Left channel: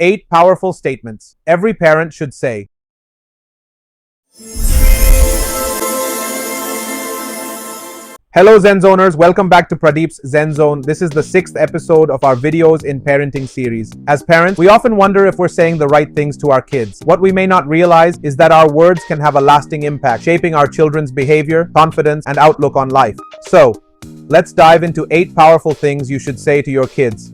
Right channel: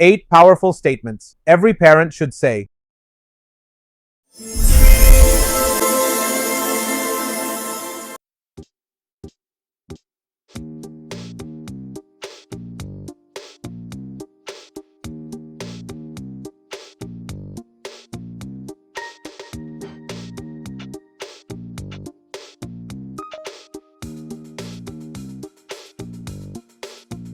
8 powerful statements every parent should say. Hello ZenZoners, welcome back to Pradeep's Zen Zone. This is the 6th episode of our videos in parenting series. As parents, we often wonder if we're saying the right things to our kids. What we may not realize is that our words can have a lasting impact, shaping our children's behavior, confidence, and outlook on life. So, let's dive into 8 powerful things you should say to your kids.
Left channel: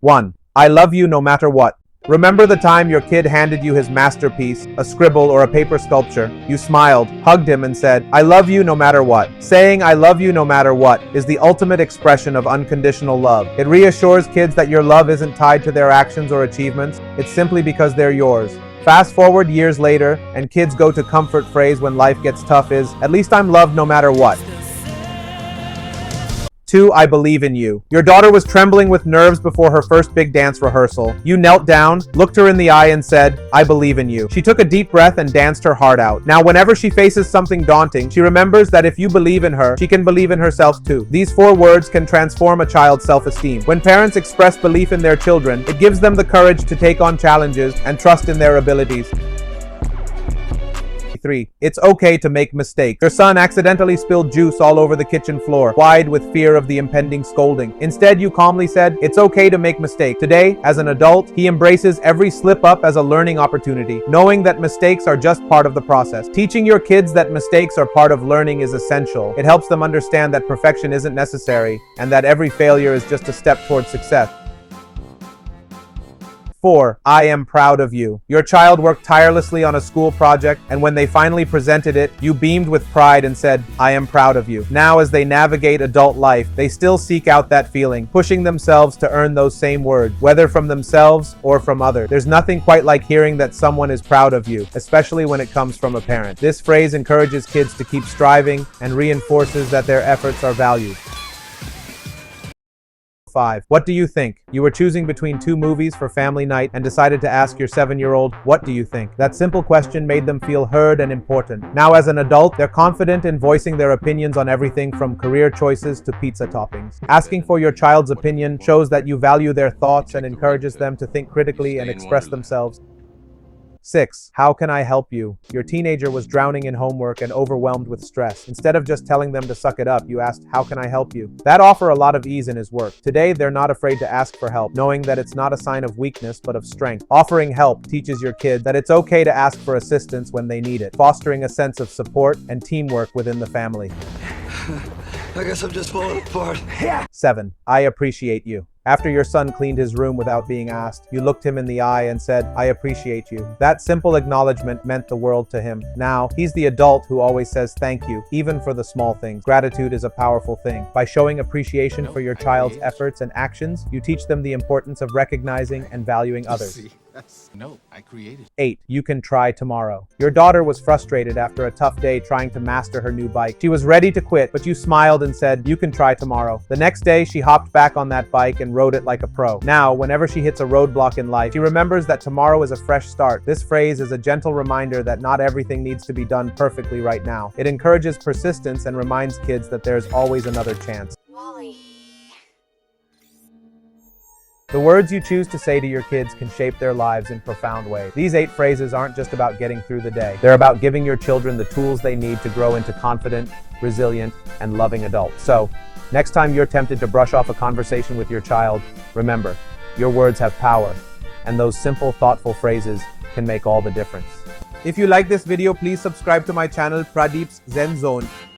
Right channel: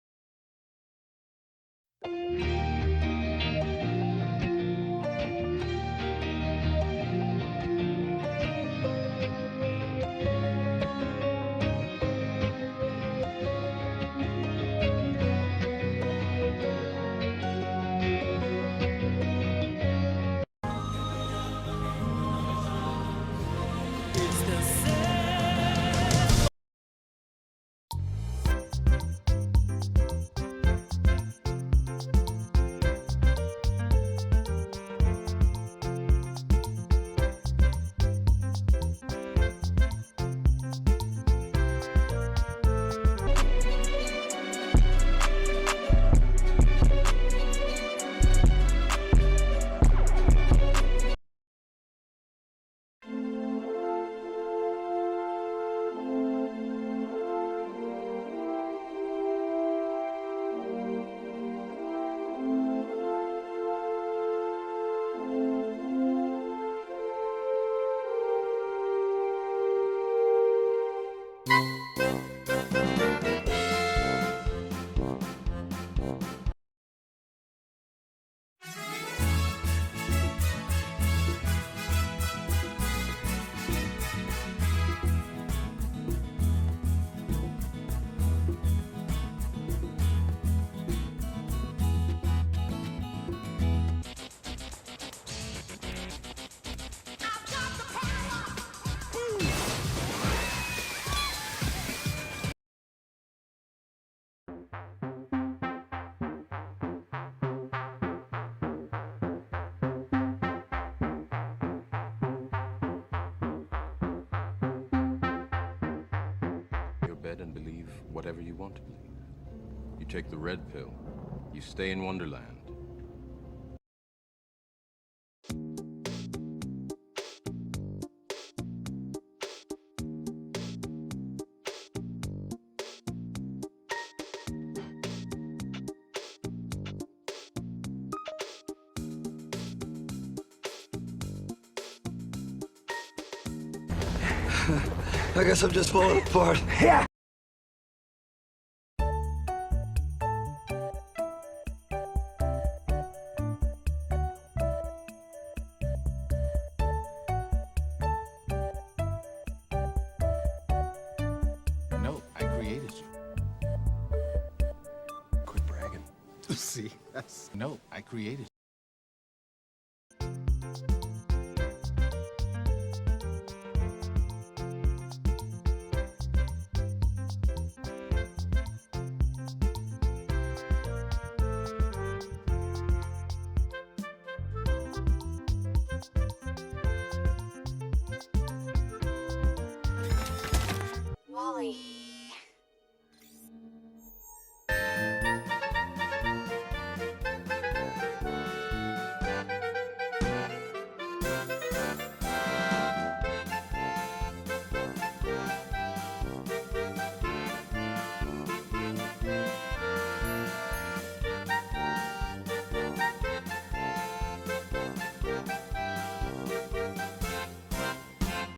1. I love you no matter what. Remember the time your kid handed you his masterpiece, a scribble or a paper sculpture. You smiled, hugged him, and said, I love you no matter what. Saying I love you no matter what is the ultimate expression of unconditional love. It reassures kids that your love isn't tied to their actions or achievements. It's simply because they're yours. Fast forward years later, and kids' go-to comfort phrase when life gets tough is, at least I'm loved no matter what. 2. I believe in you. Your daughter was trembling with nerves before her first big dance rehearsal. You knelt down, looked her in the eye, and said, I believe in you. She took a deep breath and danced her heart out. Now, whenever she faces something daunting, she remembers that if you believe in her, she can believe in herself too. These 4 words can transform a child's self-esteem. When parents express belief in their children, it gives them the courage to take on challenges and trust in their abilities. 3. It's okay to make mistakes. Your son accidentally spilled juice all over the kitchen floor, wide with fear of the impending scolding. Instead, you calmly said, it's okay to make mistakes. Today, as an adult, he embraces every slip-up as a learning opportunity, knowing that mistakes are just part of the process. Teaching your kids that mistakes are part of learning is essential. It helps them understand that perfection isn't necessary, and that every failure is just a step towards success. 4. I am proud of you. Your child worked tirelessly on a school project, and when they finally presented it, you beamed with pride and said, I am proud of you. Now, as they navigate adult life, they still seek out that feeling, pushing themselves to earn those same words, whether from themselves or from others. There's nothing quite like hearing that someone is proud of you, especially when it comes from a parent. This phrase encourages kids to keep striving and reinforces that their efforts are valued. 5. What do you think? You were choosing between 2 movies for family night and decided to ask your 7-year-old, what do you think? That simple question made them feel heard and important. Now, as an adult, they're confident in voicing their opinions on everything from career choices to pizza toppings. Asking for your child's opinion shows that you value their thoughts and encourages them to think critically and express themselves. 6. How can I help you? Your teenager was drowning in homework and overwhelmed with stress. Instead of just telling them to suck it up, you asked, how can I help you? That offered a lot of ease in his work. Today, they're not afraid to ask for help, knowing that it's not a sign of weakness, but of strength. Offering help teaches your kids that it's okay to ask for assistance when they need it, fostering a sense of support and teamwork within the family. I guess I'm just falling apart. 7. I appreciate you. After your son cleaned his room without being asked, you looked him in the eye and said, I appreciate you. That simple acknowledgement meant the world to him. Now, he's the adult who always says thank you, even for the small things. Gratitude is a powerful thing. By showing appreciation for your child's efforts and actions, you teach them the importance of recognizing and valuing others. I created. 8. You can try tomorrow. Your daughter was frustrated after a tough day trying to master her new bike. She was ready to quit, but you smiled and said, you can try tomorrow. The next day, she hopped back on that bike and rode it like a pro. Now, whenever she hits a roadblock in life, she remembers that tomorrow is a fresh start. This phrase is a gentle reminder that not everything needs to be done perfectly right now. It encourages persistence and reminds kids that there's always another chance. The words you choose to say to your kids can shape their lives in profound ways. These 8 phrases aren't just about getting through the day. They're about giving your children the tools they need to grow into confident, resilient, and loving adults. So, next time you're tempted to brush off a conversation with your child, remember, your words have power, and those simple, thoughtful phrases can make all the difference. If you like this video, please subscribe to my channel, Pradeep's Zen Zone.